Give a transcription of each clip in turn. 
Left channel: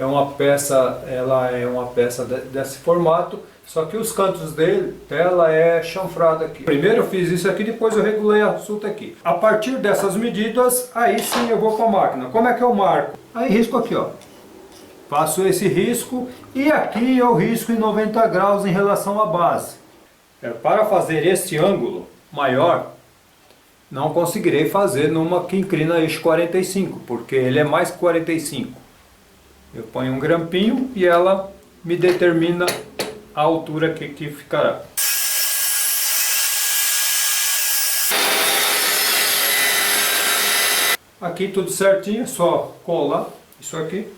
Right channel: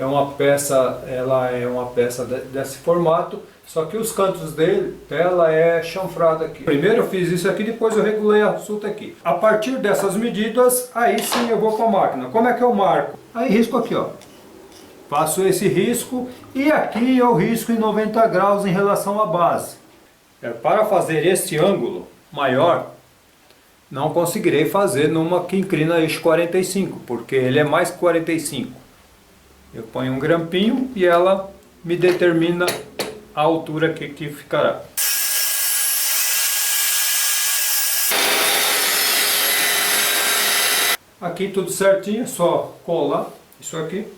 é uma peça, ela é uma peça desse formato, só que os cantos dela é chanfrada aqui. Primeiro eu fiz isso aqui, depois eu regulei a suta aqui. A partir dessas medidas, aí sim eu vou para a máquina. Como é que eu marco? Aí risco aqui, ó. Faço esse risco e aqui eu risco em 90 graus em relação à base. Para fazer este ângulo maior, não conseguirei fazer numa que inclina eixo 45, porque ele é mais que 45. Eu ponho um grampinho e ela me determina a altura que ficará. Aqui tudo certinho, só colar isso aqui.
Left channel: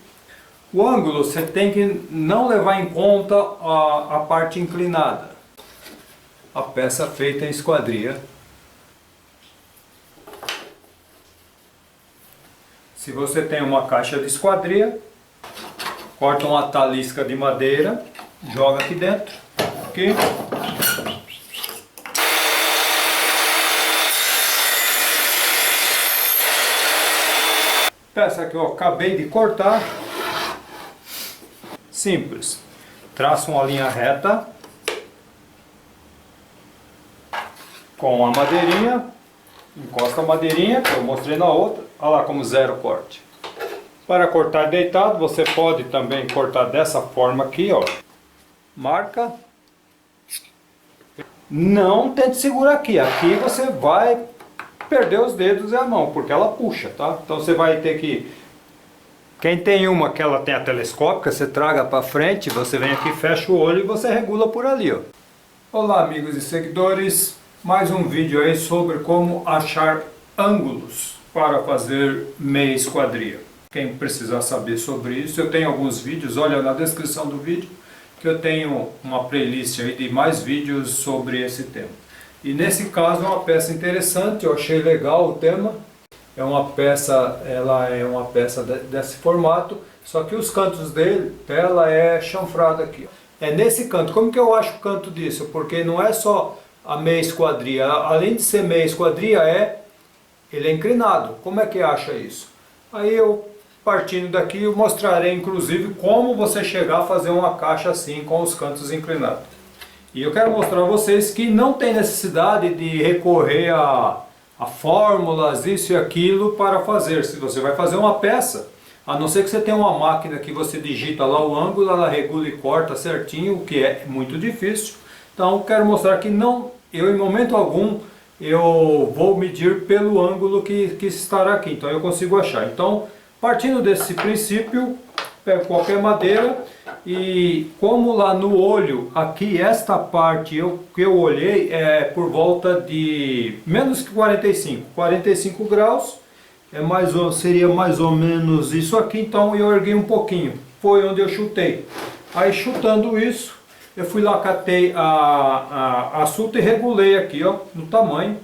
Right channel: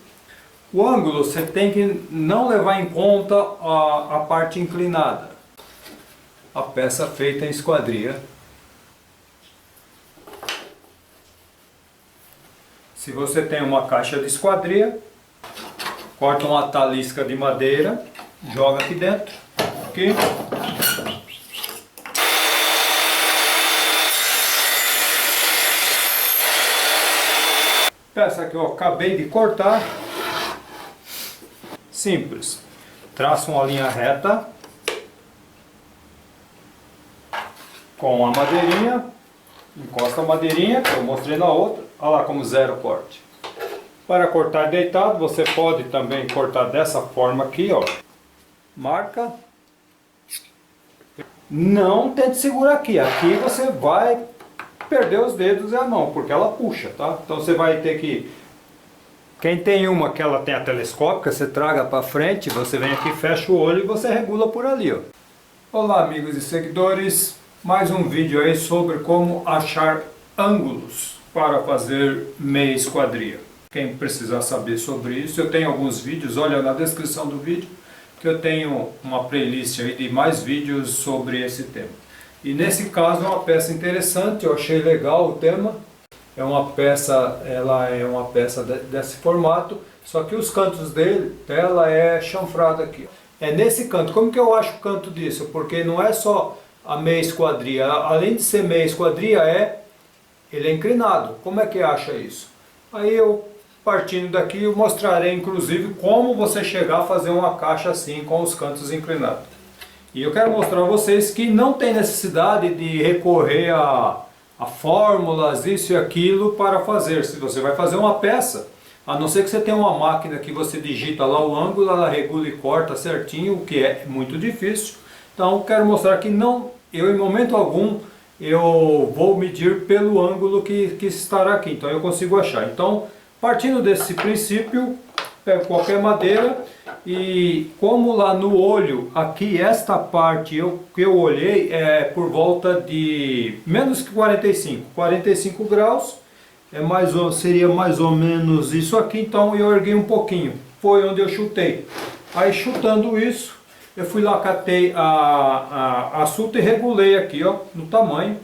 O ângulo você tem que não levar em conta a parte inclinada. A peça feita em esquadria. Se você tem uma caixa de esquadria, corta uma talisca de madeira, joga aqui dentro, aqui. Peça que eu acabei de cortar. Simples. Traço uma linha reta com a madeirinha, encosta a madeirinha, que eu mostrei na outra, olha lá como zero corte. Para cortar deitado, você pode também cortar dessa forma aqui, ó. Marca. Não tente segurar aqui. Aqui você vai perder os dedos e a mão, porque ela puxa, tá? Então você vai ter que... Quem tem uma que ela tem a telescópica, você traga para frente, você vem aqui, fecha o olho e você regula por ali, ó. Olá, amigos e seguidores. Mais um vídeo aí sobre como achar ângulos para fazer meia esquadria. Quem precisar saber sobre isso, eu tenho alguns vídeos, olha na descrição do vídeo, que eu tenho uma playlist aí de mais vídeos sobre esse tema. E nesse caso é uma peça interessante, eu achei legal o tema. É uma peça, ela é uma peça desse formato, só que os cantos dela é chanfrada aqui. É nesse canto. Como que eu acho o canto disso? Porque não é só a meia esquadria, além de ser meia esquadria, ele é inclinado. Como é que acha isso? Aí eu, partindo daqui, eu mostrarei inclusive como você chegar a fazer uma caixa assim com os cantos inclinados. E eu quero mostrar a vocês que não tem necessidade de recorrer a fórmulas, isso e aquilo para fazer. Se você vai fazer uma peça, a não ser que você tenha uma máquina que você digita lá o ângulo, ela regula e corta certinho, o que é muito difícil. Então quero mostrar que eu em momento algum eu vou medir pelo ângulo que estará aqui, então eu consigo achar. Então, partindo desse princípio, pego qualquer madeira e como lá no olho, aqui esta parte que eu olhei é por volta de menos que 45 graus, seria mais ou menos isso aqui, então eu erguei um pouquinho, foi onde eu chutei. Aí chutando isso, eu fui lá, catei a suta e regulei aqui, ó, no tamanho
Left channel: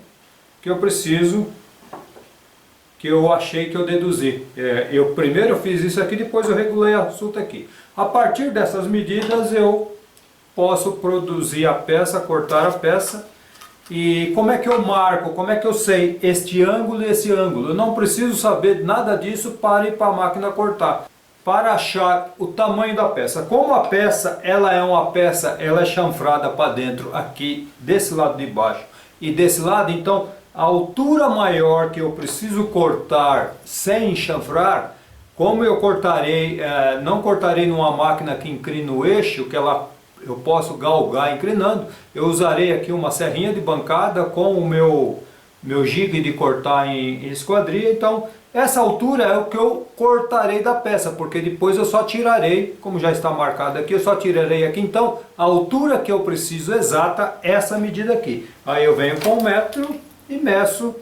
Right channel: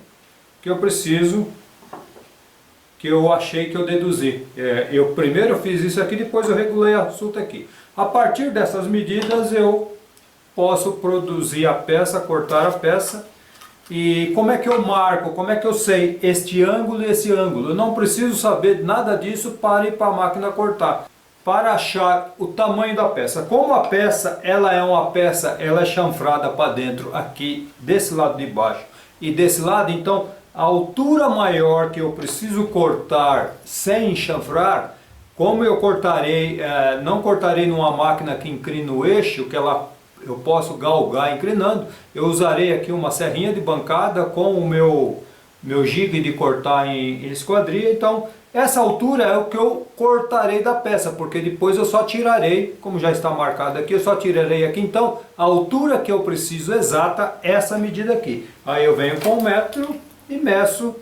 que eu preciso, que eu achei que eu deduzi. Primeiro eu fiz isso aqui, depois eu regulei a suta aqui. A partir dessas medidas eu posso produzir a peça, cortar a peça. E como é que eu marco, como é que eu sei este ângulo e esse ângulo? Eu não preciso saber nada disso para ir para a máquina cortar. Para achar o tamanho da peça. Como a peça, ela é chanfrada para dentro aqui, desse lado de baixo e desse lado, então a altura maior que eu preciso cortar sem chanfrar, como eu cortarei, não cortarei numa máquina que inclina o eixo, eu posso galgar inclinando, eu usarei aqui uma serrinha de bancada com o meu jig de cortar em esquadria. Então essa altura é o que eu cortarei da peça, porque depois eu só tirarei, como já está marcado aqui, eu só tirarei aqui, então a altura que eu preciso exata, essa medida aqui. Aí eu venho com 1 metro e meço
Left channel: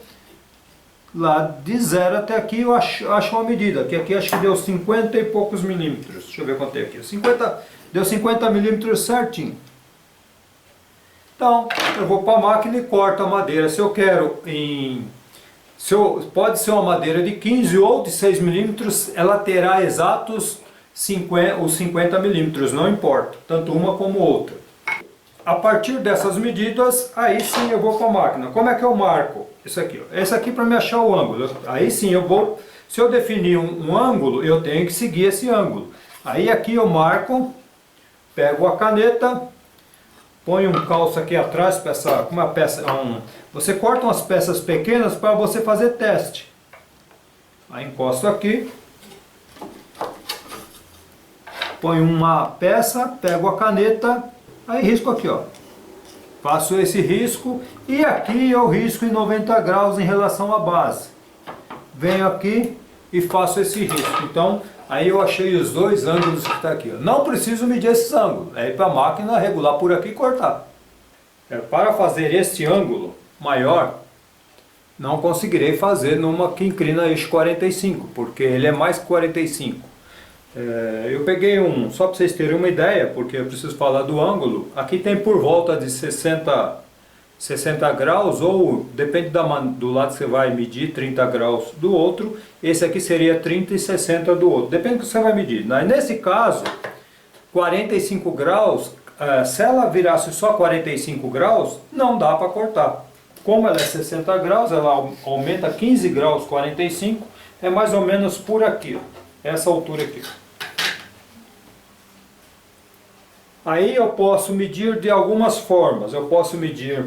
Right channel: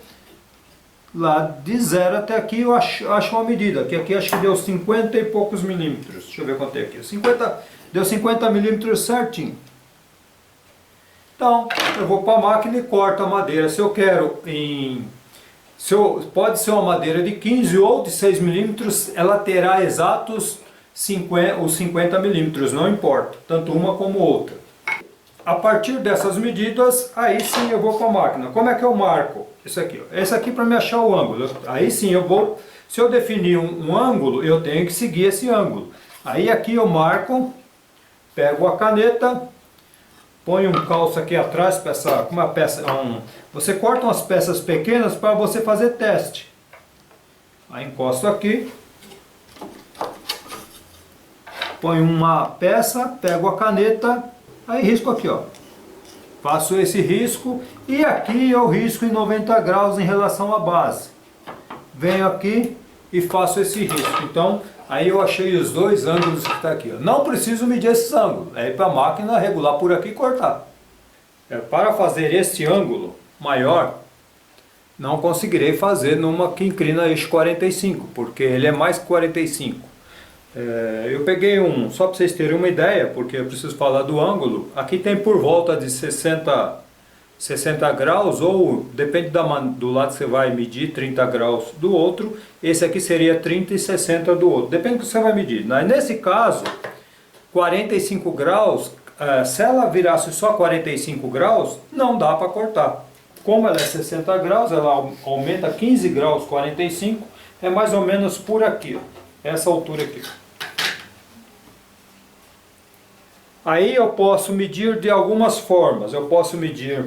lá de 0 até aqui, eu acho uma medida, que aqui acho que deu 50 e poucos milímetros, deixa eu ver quanto é aqui, deu 50 milímetros certinho. Então eu vou para a máquina e corto a madeira, se eu quero pode ser uma madeira de 15 ou de 6 milímetros, ela terá exatos os 50 milímetros, não importa, tanto uma como outra. A partir dessas medidas, aí sim eu vou para a máquina. Como é que eu marco? Isso aqui, ó. Esse aqui para me achar o ângulo. Aí sim eu vou, se eu definir um ângulo, eu tenho que seguir esse ângulo. Aí aqui eu marco, pego a caneta, ponho um calço aqui atrás, uma peça, você corta umas peças pequenas para você fazer teste. Aí encosto aqui, ponho uma peça, pego a caneta, aí risco aqui, ó. Faço esse risco e aqui eu risco em 90 graus em relação à base. Venho aqui e faço esse risco. Então, aí eu achei os dois ângulos que está aqui. Não preciso medir esses ângulos. É ir para a máquina, regular por aqui e cortar. Para fazer este ângulo maior, não conseguirei fazer numa que inclina eixo 45, porque ele é mais que 45. Eu peguei só para vocês terem uma ideia, porque eu preciso falar do ângulo. Aqui tem por volta de 60 graus, ou depende do lado que você vai medir, 30 graus do outro. Esse aqui seria 30 e 60 do outro, depende do que você vai medir. Nesse caso, 45 graus, se ela virasse só 45 graus, não dá para cortar. Como ela é 60 graus, ela aumenta 15 graus, 45, é mais ou menos por aqui, ó, essa altura aqui. Aí eu posso medir de algumas formas. Eu posso medir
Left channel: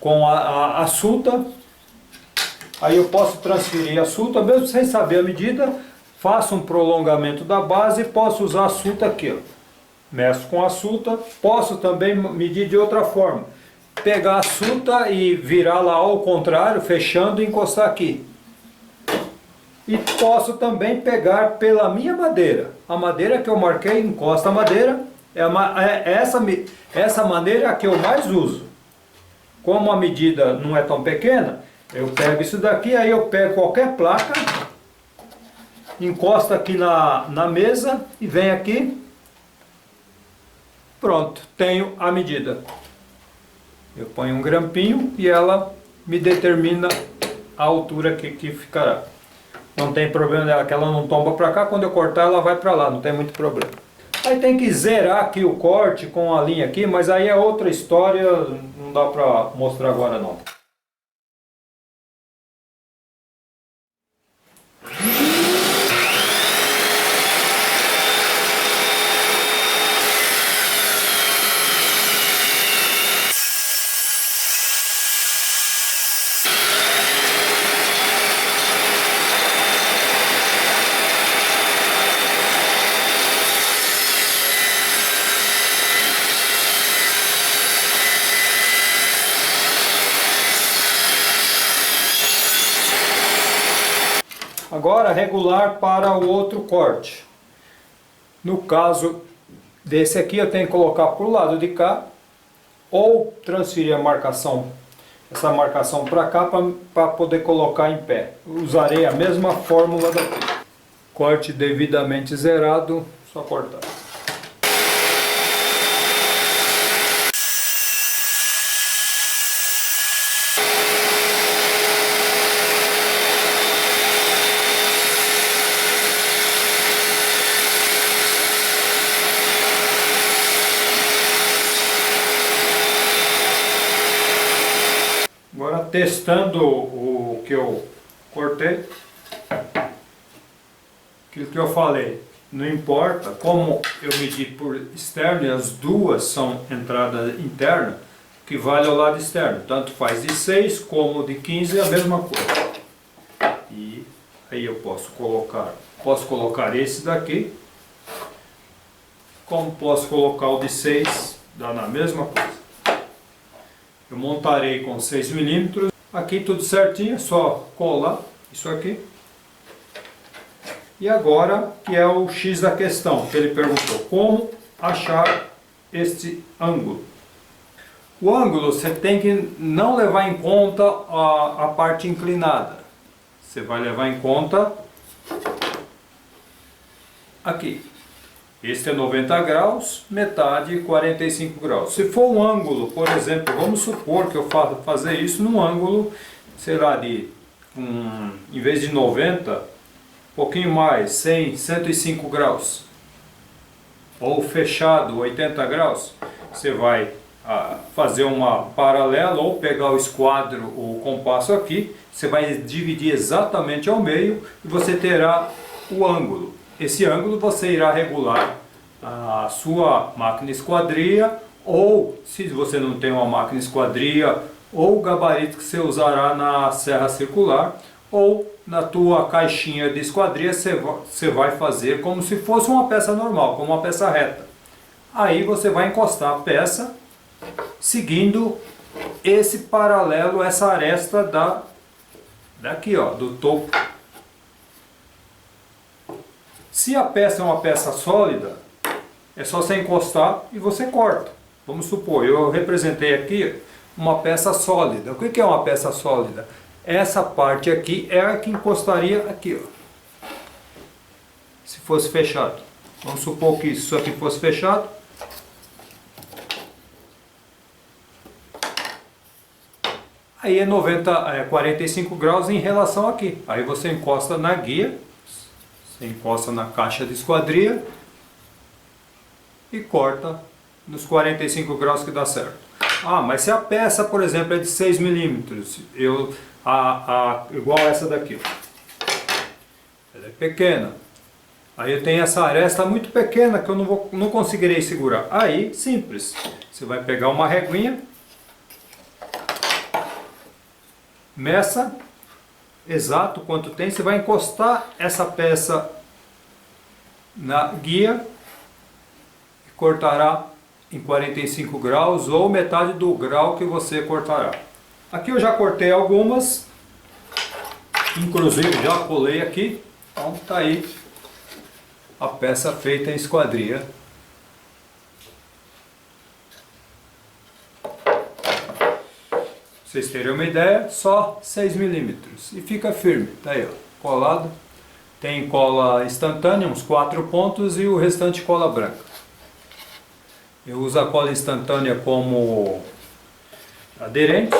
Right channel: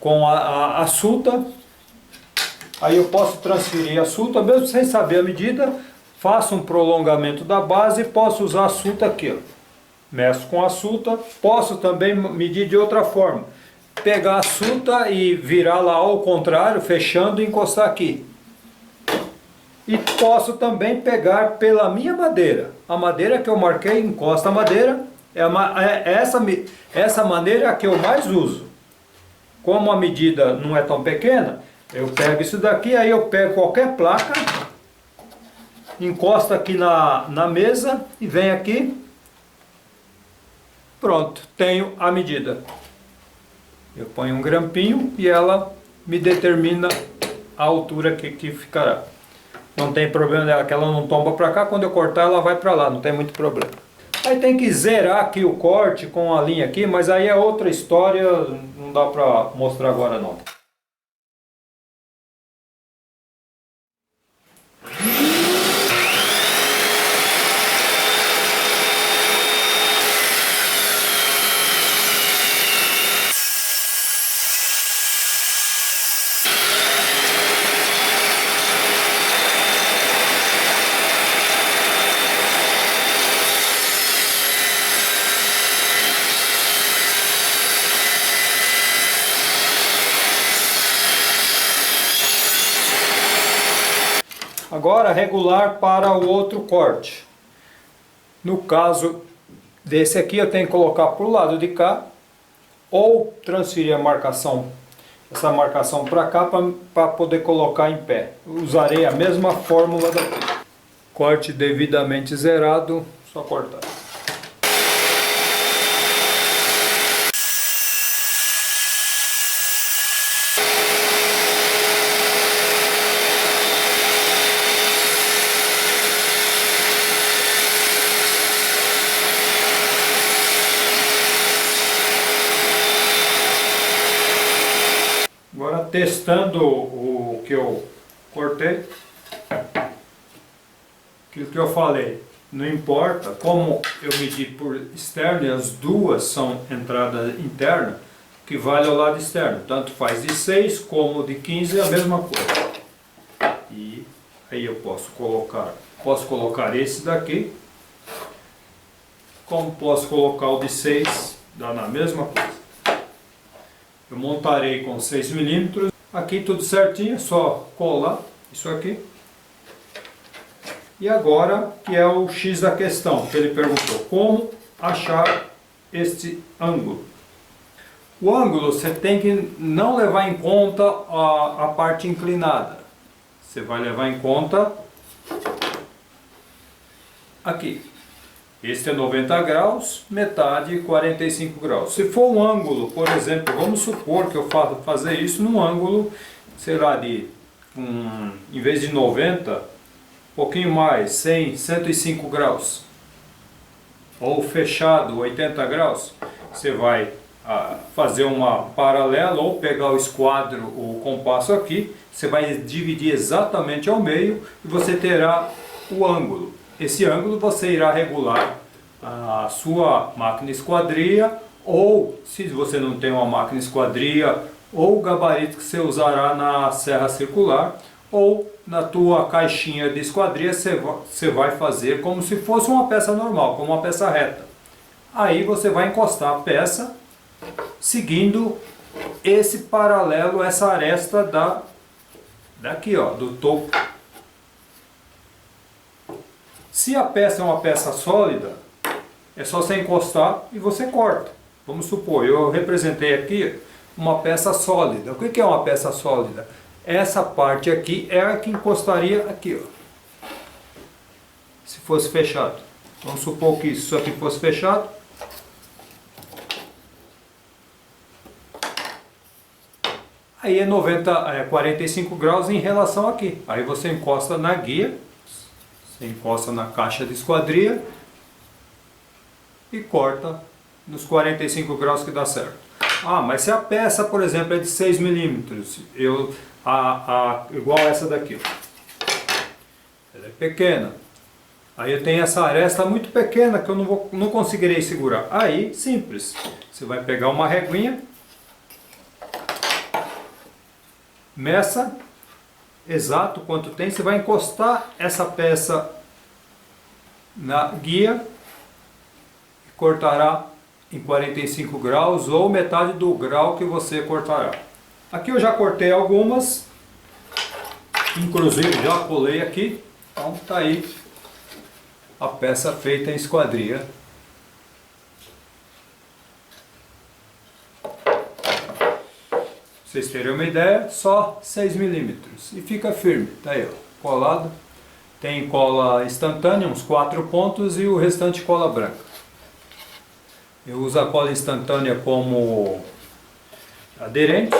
com a suta. Aí eu posso transferir a suta, mesmo sem saber a medida. Faço um prolongamento da base e posso usar a suta aqui, ó. Meço com a suta. Posso também medir de outra forma. Pegar a suta e virar lá ao contrário, fechando e encostar aqui. E posso também pegar pela minha madeira. A madeira que eu marquei, encosta a madeira. Essa maneira é a que eu mais uso. Como a medida não é tão pequena, eu pego isso daqui, aí eu pego qualquer placa, encosto aqui na mesa e venho aqui. Pronto, tenho a medida. Eu ponho um grampinho e ela me determina a altura que ficará. Não tem problema dela, que ela não tomba para cá, quando eu cortar ela vai para lá, não tem muito problema. Aí tem que zerar aqui o corte com a linha aqui, mas aí é outra história, não dá para mostrar agora não. Agora regular para o outro corte. No caso desse aqui eu tenho que colocar para o lado de cá ou transferir essa marcação para cá para poder colocar em pé. Usarei a mesma fórmula daqui. Corte devidamente zerado, só cortar. Agora testando o que eu cortei, aquilo que eu falei, não importa como eu medi por externo e as duas são entrada interna, que vale ao lado externo, tanto faz de 6 como de 15 é a mesma coisa. E aí eu posso colocar esse daqui, como posso colocar o de 6, dá na mesma coisa. Eu montarei com 6 milímetros, aqui tudo certinho, é só colar isso aqui. E agora que é o X da questão, que ele perguntou, como achar este ângulo? O ângulo você tem que não levar em conta a parte inclinada, você vai levar em conta aqui. Este é 90 graus, metade 45 graus. Se for um ângulo, por exemplo, vamos supor que eu fazer isso num ângulo, sei lá, em vez de 90, um pouquinho mais, 100, 105 graus. Ou fechado, 80 graus. Você vai fazer uma paralela ou pegar o esquadro, o compasso aqui, você vai dividir exatamente ao meio e você terá o ângulo. esse ângulo você irá regular a sua máquina esquadria, ou se você não tem uma máquina esquadria, ou o gabarito que você usará na serra circular, ou na tua caixinha de esquadria você vai fazer como se fosse uma peça normal, como uma peça reta. Aí você vai encostar a peça seguindo esse paralelo, essa aresta daqui, ó, do topo. Se a peça é uma peça sólida, é só você encostar e você corta. Vamos supor, eu representei aqui uma peça sólida. O que é uma peça sólida? Essa parte aqui é a que encostaria aqui, ó. Se fosse fechado. Vamos supor que isso aqui fosse fechado. Aí é 45 graus em relação aqui. Aí você encosta na guia, você encosta na caixa de esquadria e corta nos 45 graus que dá certo. Ah, mas se a peça, por exemplo, é de 6 milímetros, igual essa daqui, ó. Ela é pequena. Aí eu tenho essa aresta muito pequena que eu não conseguirei segurar. Aí, simples. Você vai pegar uma reguinha, meça exato quanto tem, você vai encostar essa peça na guia e cortará em 45 graus ou metade do grau que você cortará. Aqui eu já cortei algumas, inclusive já colei aqui, então tá aí a peça feita em esquadria. Pra vocês terem uma ideia, só 6 milímetros e fica firme, tá aí, ó, colado. Tem cola instantânea, uns 4 pontos, e o restante cola branca. Eu uso a cola instantânea como aderente.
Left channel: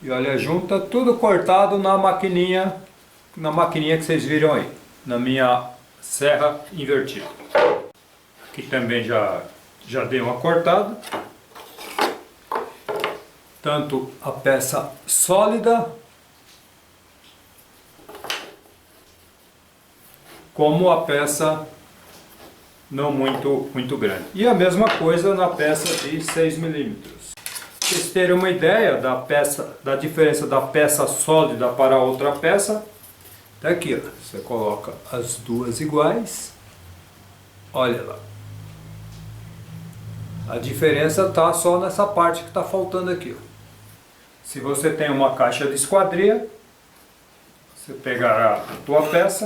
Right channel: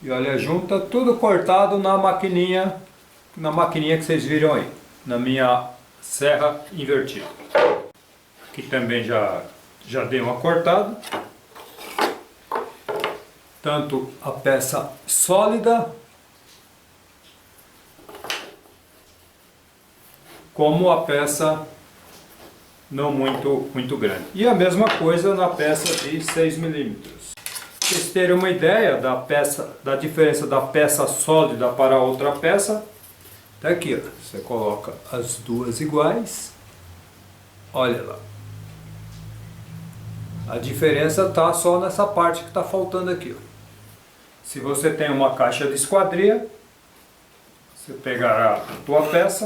E olha, junta tudo cortado na maquininha que vocês viram aí, na minha serra invertida. Aqui também já dei uma cortada. Tanto a peça sólida como a peça não muito grande. E a mesma coisa na peça de 6 milímetros. Para vocês terem uma ideia da diferença da peça sólida para a outra peça, tá aqui, ó. Você coloca as duas iguais, olha lá. A diferença está só nessa parte que está faltando aqui, ó. Se você tem uma caixa de esquadria, você pegará a tua peça.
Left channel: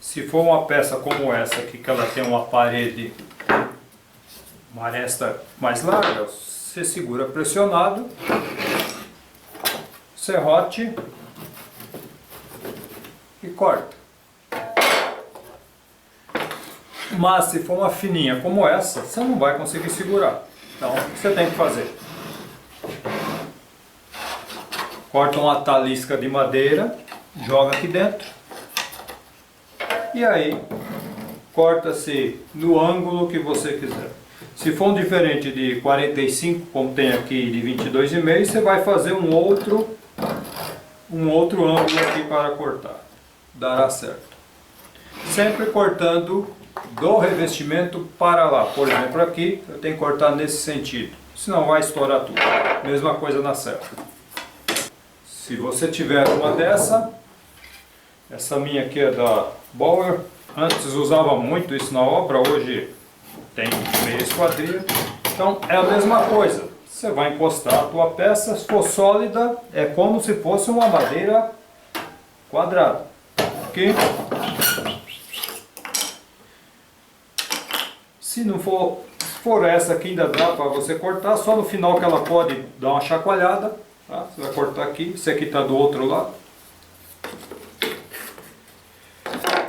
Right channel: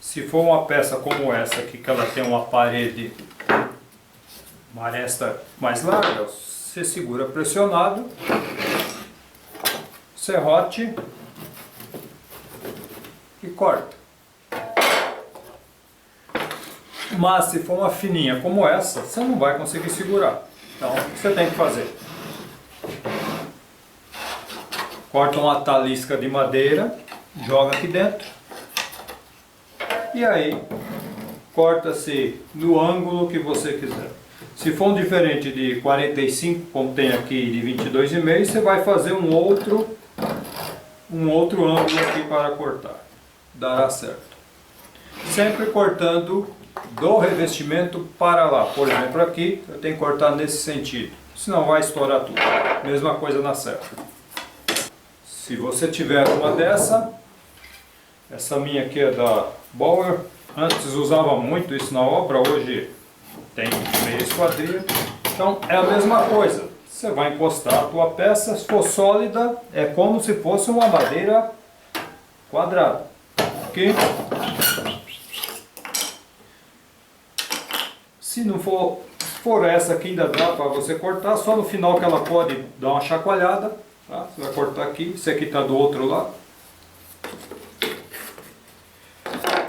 Se for uma peça como essa aqui, que ela tem uma parede, uma aresta mais larga, você segura pressionado, serrote e corta. Mas se for uma fininha como essa, você não vai conseguir segurar. Então, o que você tem que fazer? Corta uma talisca de madeira, joga aqui dentro. E aí, corta-se no ângulo que você quiser. Se for um diferente de 45, como tem aqui de 22,5, você vai fazer um outro ângulo aqui para cortar. Dará certo. Sempre cortando do revestimento para lá. Por exemplo, aqui eu tenho que cortar nesse sentido, senão vai estourar tudo. Mesma coisa na serra. Se você tiver uma dessa, essa minha aqui é da Bauer. Antes usava muito isso na obra, hoje tem meia esquadria. Então é a mesma coisa. Você vai encostar a tua peça, se for sólida, é como se fosse uma madeira quadrada. Aqui. Se não for essa aqui, ainda dá para você cortar, só no final que ela pode dar uma chacoalhada, tá? Você vai cortar aqui, esse aqui está do outro lado.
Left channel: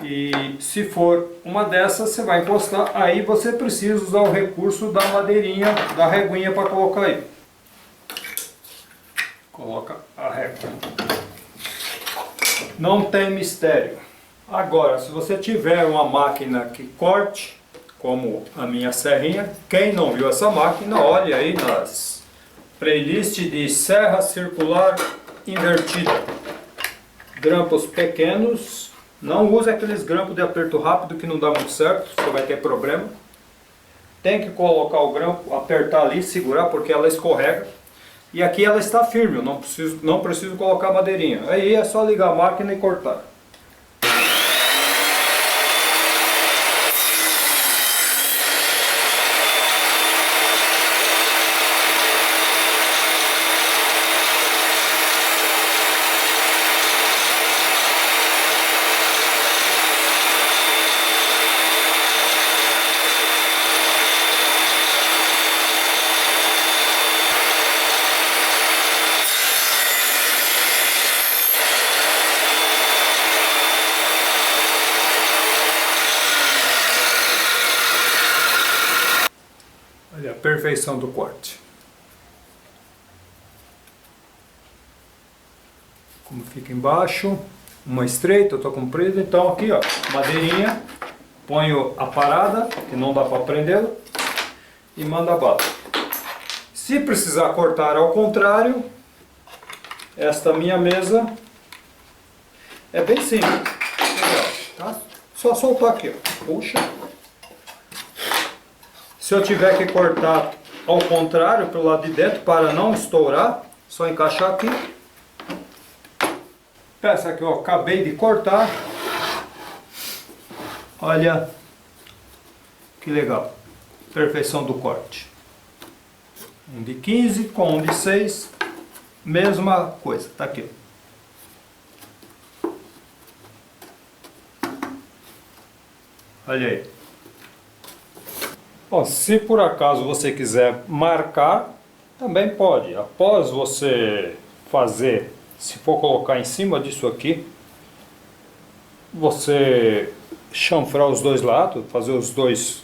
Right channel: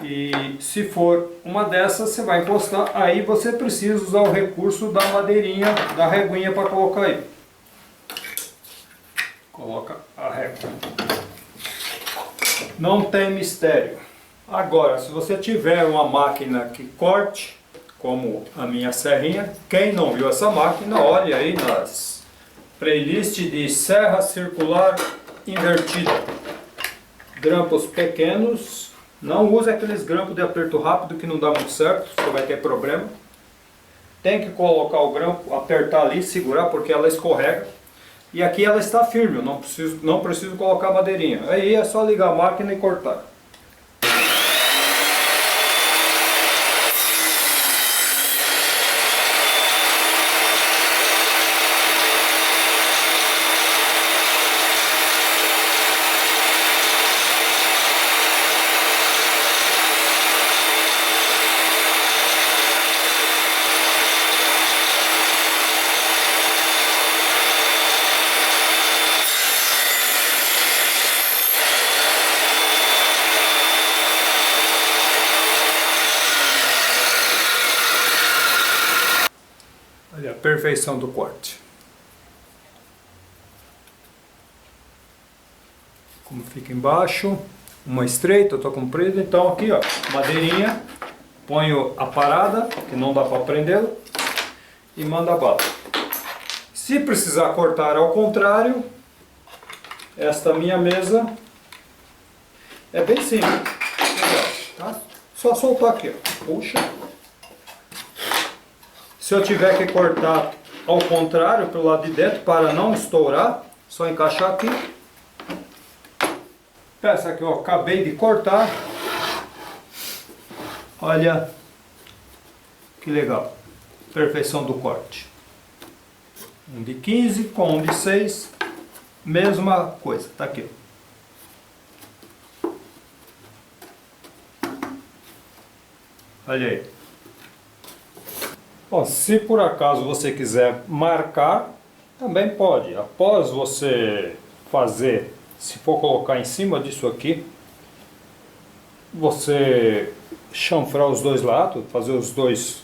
E se for uma dessas, você vai encostar, aí você precisa usar o recurso da madeirinha, da reguinha para colocar aí. Coloca a régua. Não tem mistério. Agora, se você tiver uma máquina que corte, como a minha serrinha, quem não viu essa máquina, olhe aí nas playlists de serra circular invertida. grampos pequenos. Não use aqueles grampos de aperto rápido que não dá muito certo, você vai ter problema. Tem que colocar o grampo, apertar ali, segurar, porque ela escorrega. E aqui ela está firme, eu não preciso colocar madeirinha. Aí é só ligar a máquina e cortar. Olha a perfeição do corte. Como fica embaixo, uma estreita, outra comprida. Então aqui ó, madeirinha, ponho a parada, que não dá para prendê-la, e manda bala. Se precisar cortar ao contrário, esta minha mesa é bem simples. Tá? Só soltar aqui, ó. Puxa. Se eu tiver que cortar ao contrário, pelo lado de dentro, para não estourar, só encaixar aqui. Peça que eu acabei de cortar. Olha que legal. Perfeição do corte. Um de 15 com um de 6. Mesma coisa. Tá aqui. Olha aí. Bom, se por acaso você quiser marcar, também pode. Após você fazer, se for colocar em cima disso aqui, você chanfrar os dois lados, fazer os dois.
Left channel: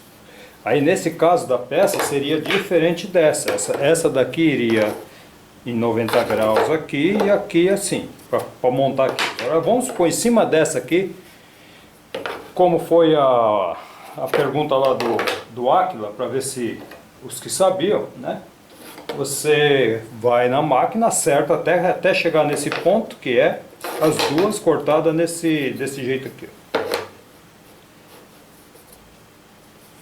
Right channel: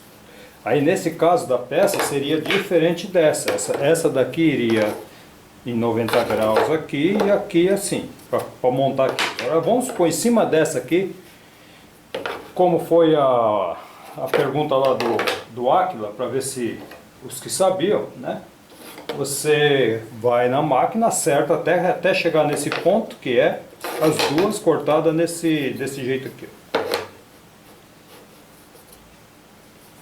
Aí nesse caso da peça seria diferente dessa. Essa daqui iria em 90 graus aqui e aqui assim, para montar aqui. Agora vamos pôr em cima dessa aqui, como foi a pergunta lá do Aquila, para ver se os que sabiam, né? Você vai na máquina, acerta até chegar nesse ponto, que é as duas cortadas desse jeito aqui.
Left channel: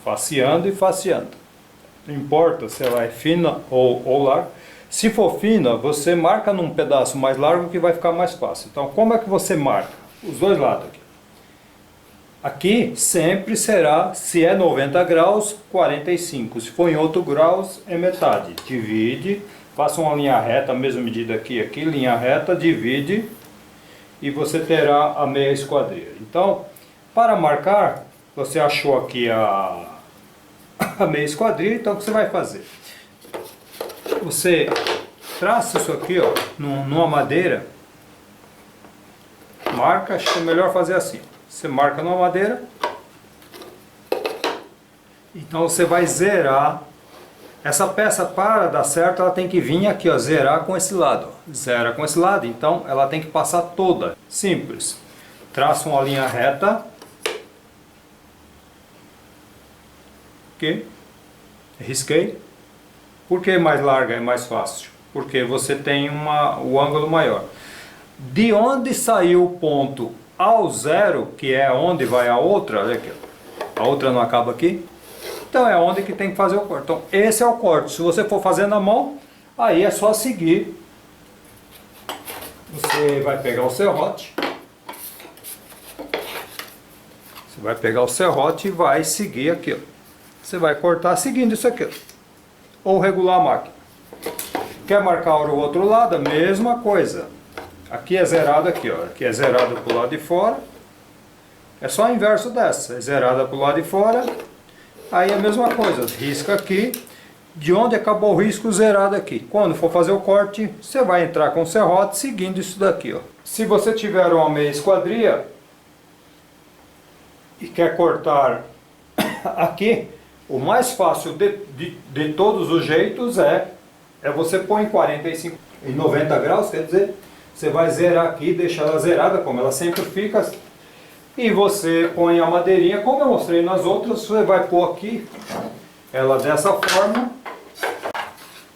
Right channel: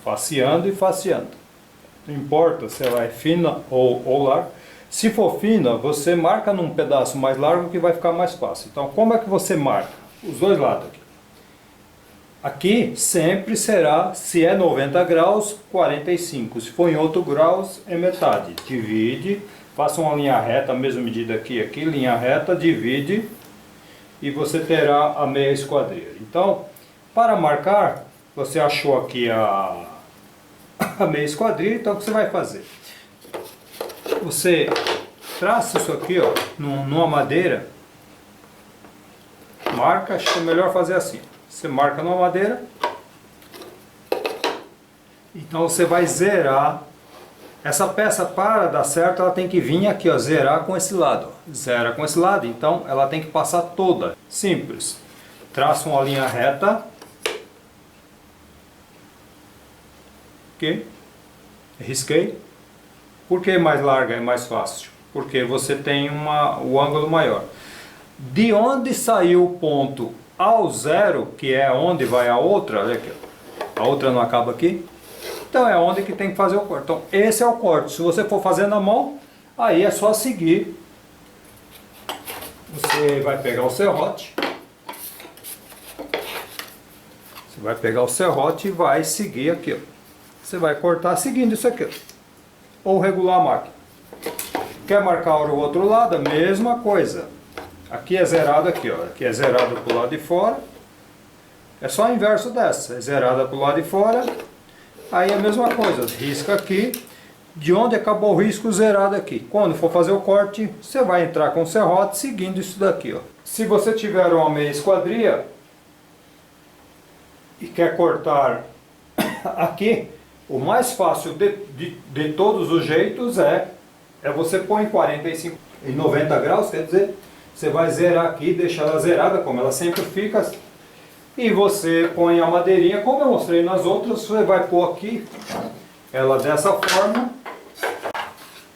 Faceando e faceando. Não importa se ela é fina ou larga. Se for fina, você marca num pedaço mais largo que vai ficar mais fácil. Então, como é que você marca? Os dois lados aqui. Aqui sempre será, se é 90 graus, 45. Se for em outro graus, é metade. Divide, faça uma linha reta, a mesma medida aqui, linha reta, divide e você terá a meia esquadrilha. Então, para marcar, você achou aqui a meia esquadrilha, então o que você vai fazer? Você traça isso aqui, ó, numa madeira, marca, acho que é melhor fazer assim. Você marca numa madeira, então você vai zerar. Essa peça, para dar certo, ela tem que vir aqui, ó, zerar com esse lado. Zera com esse lado, então ela tem que passar toda. Simples. Traça uma linha reta. Ok? Risquei. Por que mais larga é mais fácil? Porque você tem o ângulo maior. De onde saiu o ponto ao zero, que é onde vai a outra, olha aqui, a outra não acaba aqui, então é onde que tem que fazer o corte. Então esse é o corte. Se você for fazer na mão, aí é só seguir. Você vai pegar o serrote, e vai seguir aqui, ó. Você vai cortar seguindo isso aqui, ó. Ou regular a máquina. Quer marcar o outro lado? A mesma coisa. Aqui é zerado aqui, ó. Aqui é zerado para o lado de fora. É só o inverso dessa. É zerada para o lado de fora. Aí é a mesma coisa. Risca aqui. De onde acabou o risco, zerado aqui. Quando for fazer o corte, você vai entrar com o serrote seguindo isso daqui, ó. Se você tiver uma meia esquadria e quer cortar aqui, o mais fácil de todos os jeitos é você pôr em 45, em 90 graus, quer dizer, você vai zerar aqui, deixar ela zerada, como ela sempre fica, e você põe a madeirinha, como eu mostrei nas outras, você vai pôr aqui, ela dessa forma,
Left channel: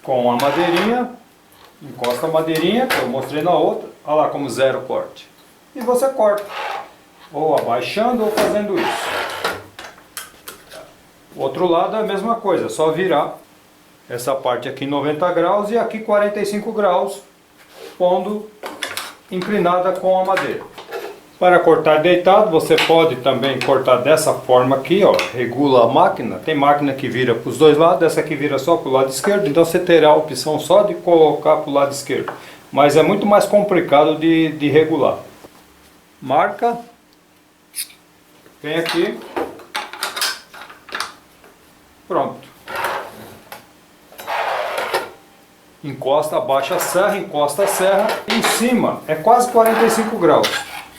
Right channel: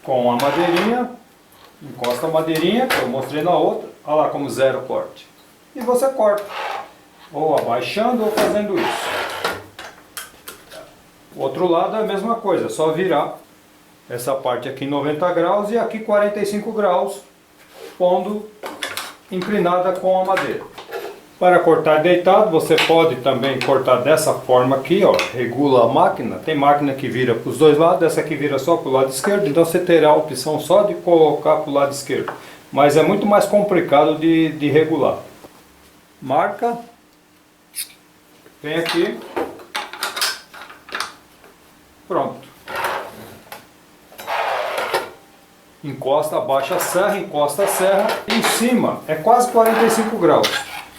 com a madeirinha, encosta a madeirinha, que eu mostrei na outra, olha lá como zero o corte. e você corta. Ou abaixando ou fazendo isso. O outro lado é a mesma coisa, é só virar essa parte aqui 90 graus e aqui 45 graus, pondo inclinada com a madeira. Para cortar deitado, você pode também cortar dessa forma aqui, ó, regula a máquina. Tem máquina que vira para os dois lados, essa aqui vira só para o lado esquerdo, então você terá a opção só de colocar para o lado esquerdo. Mas é muito mais complicado de regular. Marca, vem aqui, pronto. Encosta, abaixa a serra, encosta a serra, em cima é quase 45 graus.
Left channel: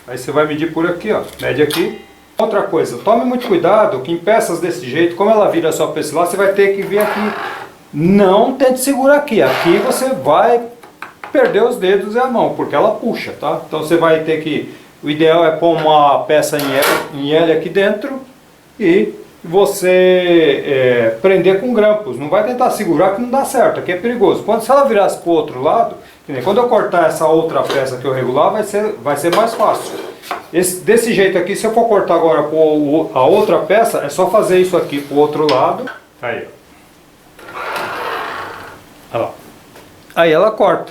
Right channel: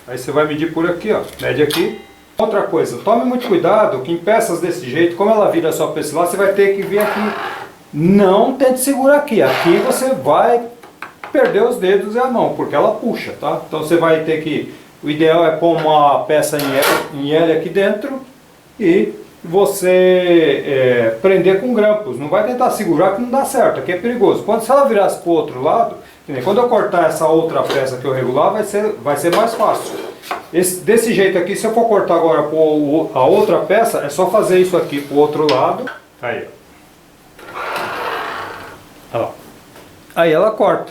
Aí você vai medir por aqui, ó, mede aqui. Outra coisa, tome muito cuidado que em peças desse jeito, como ela vira só para esse lado, você vai ter que vir aqui. Não tente segurar aqui, aqui você vai perder os dedos e a mão, porque ela puxa, tá? Então você vai ter que, o ideal é pôr uma peça em L aqui dentro e você prender com grampos. Não vai tentar segurar que não dá certo, aqui é perigoso. Se ela virasse para o outro lado, quando eu cortar essa outra peça que eu regular, vai ser mais fácil. Desse jeito aqui, se eu for cortar agora a outra peça, é só fazer isso aqui para o outro lado. Aí, ó. Aí ela corta.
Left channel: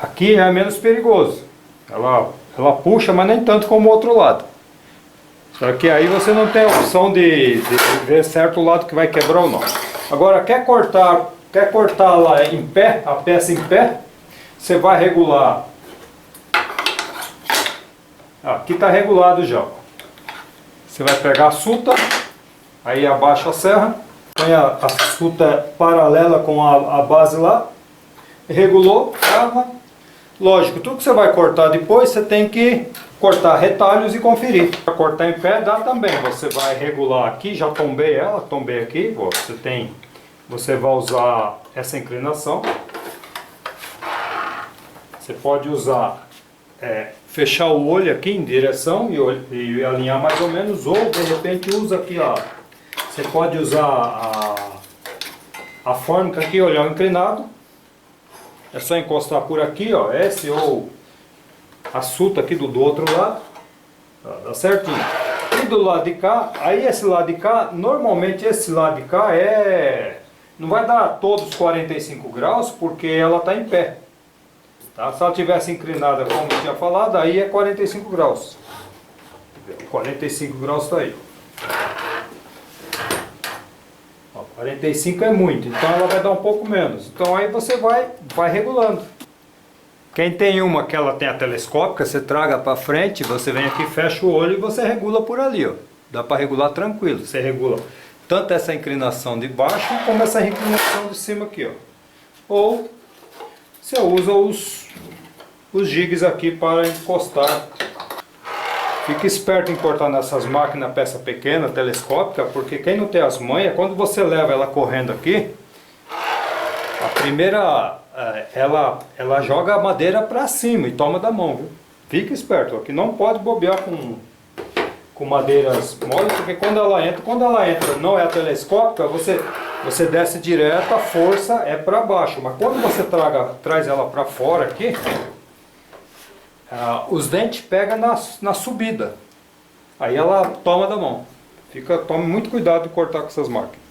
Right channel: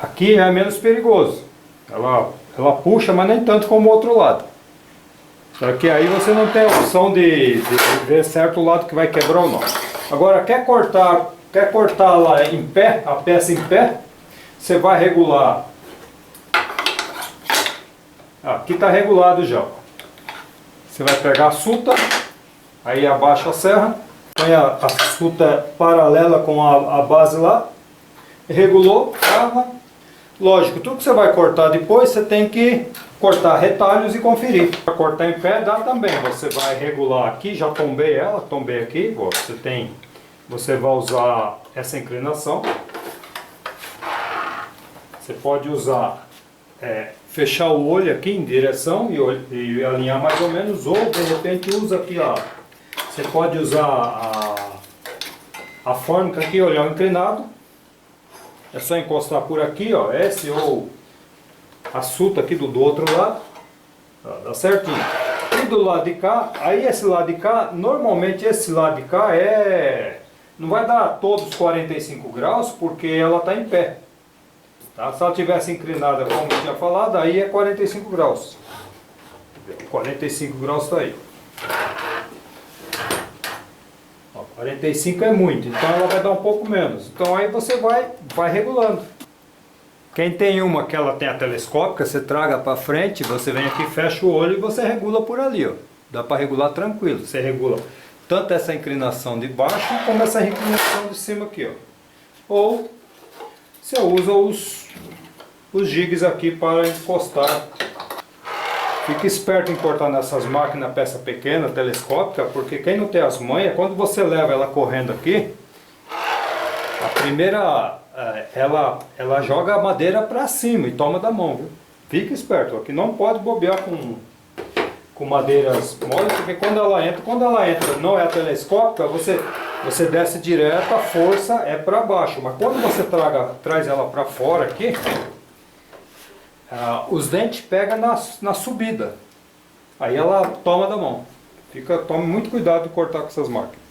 Aqui é menos perigoso. Ela puxa, mas nem tanto como o outro lado. Só que aí você não tem a opção de ver certo o lado que vai quebrar ou não. Agora, quer cortar lá em pé, a peça em pé, você vai regular. Aqui está regulado já. Você vai pegar a suta, aí abaixa a serra, põe a suta paralela com a base lá, regulou, trava. Lógico, tudo que você vai cortar depois, você tem que cortar retalhos e conferir. Para cortar em pé dá também, você vai regular aqui, já tombei ela, tombei aqui, ó, você vai usar essa inclinação. Você pode usar, fechar o olho aqui em direção e alinhar mais ou menos, ou de repente usa aqui, ó, você pode usar a fórmica aqui, olhar inclinado. É só encostar por aqui, ó, esse ou a suta aqui do outro lado, ó, dá certinho. E do lado de cá, aí esse lado de cá, normalmente esse lado de cá não vai dar todos 45 graus, porque ela está em pé. Tá? Se ela tivesse inclinada, como eu tinha falado, aí é 45 graus. 45 graus está aí. 45 é muito, então ela vai dar um pouco menos. Então aí você vai regulando. Quem tem uma que ela tem a telescópica, você traga para frente, você vem aqui, fecha o olho e você regula por ali, ó. Dá para regular tranquilo. Você regula tanto essa inclinação de baixo como essa inclinação de cima aqui, ó. Ou você usa os jigs aqui para encostar. Fique esperto em cortar nessas máquinas peça pequena, telescópica, porque quem não tem as manhas, quando você leva ela correndo aqui, a primeira, ela joga a madeira para cima e toma da mão, viu? Fique esperto, aqui não pode bobear com madeiras moles, porque quando ela entra, não é a telescópica, você desce direto, a força é para baixo, mas quando você traz ela para fora aqui, os dentes pegam na subida, aí ela toma da mão. Tome muito cuidado de cortar com essas máquinas.